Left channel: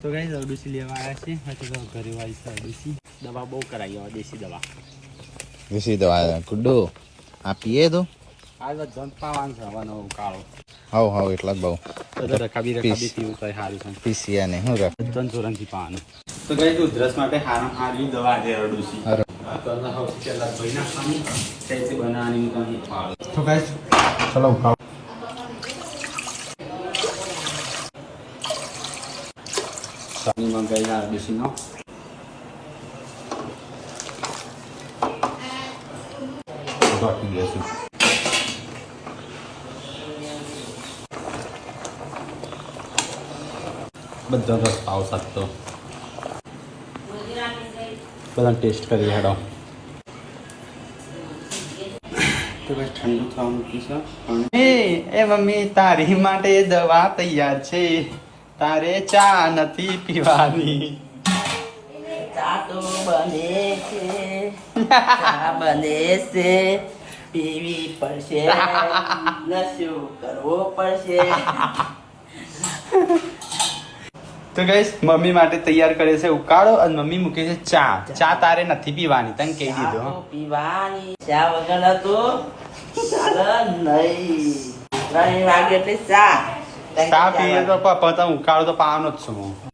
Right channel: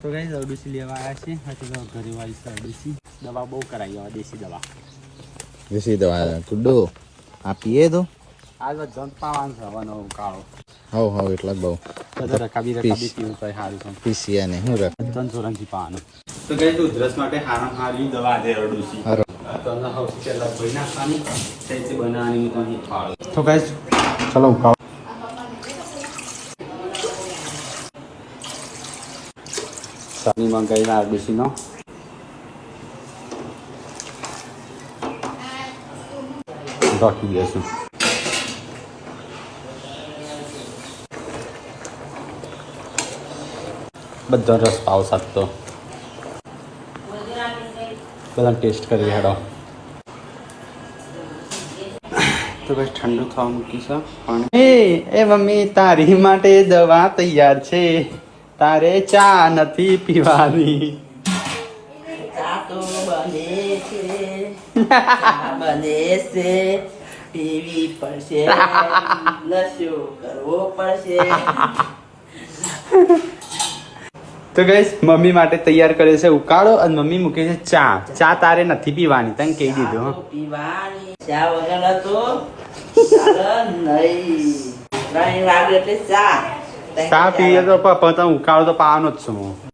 તો ગાઈસ અરડુસી લેવા આવ્યા છે હજી તો ઘરે વાળી છે અરડુસી દવા બહુ કરાવી હવે દેશી દવા ગુડ્ડો આ પીએ તો આ જંત પાવાનું છે હવાનો કાળો હવ એટલા જ બહુ રકાબી પીવું તો સારું છે પીસીયા ને શું રાખ જનસોરંગથી પાવાનું તો ગાઈસ ઉધરસ માટે હારી દવા છે અરડુસી તો સૌથી પહેલા ધોઈ નાખવાની સહેજે બનાવવાની હું તમને પાડું તો ગાઈસ ચલો સાની મંગાવીને અરડુસીનો ઢોકી દઈશું બધો રસ પાવ શકતો બધા ટેસ્ટ કરી હેડો તો બસ ઠંડુ થવા મૂકી છે પણ એ મમ્મી તારી માટે દવા તૈયાર છે તારે ચા નથી પીવાની ચા તો બને છે ચા બને છે પીવી પડશે નશો કરવો પડશે તો ગઈસ મમ્મી માટે તૈયાર કરે છે ઉકાળો અને મમ્મી મૂકે છે ચા તારે નથી પીવાની તને કહી ચા દીધું તો પીવાની ચા વગર તો ચાલે નહીં 3 વાગે એટલે ચા ચા પીવે તો પણ ઉકાળો તો પાવાનો જ છું હું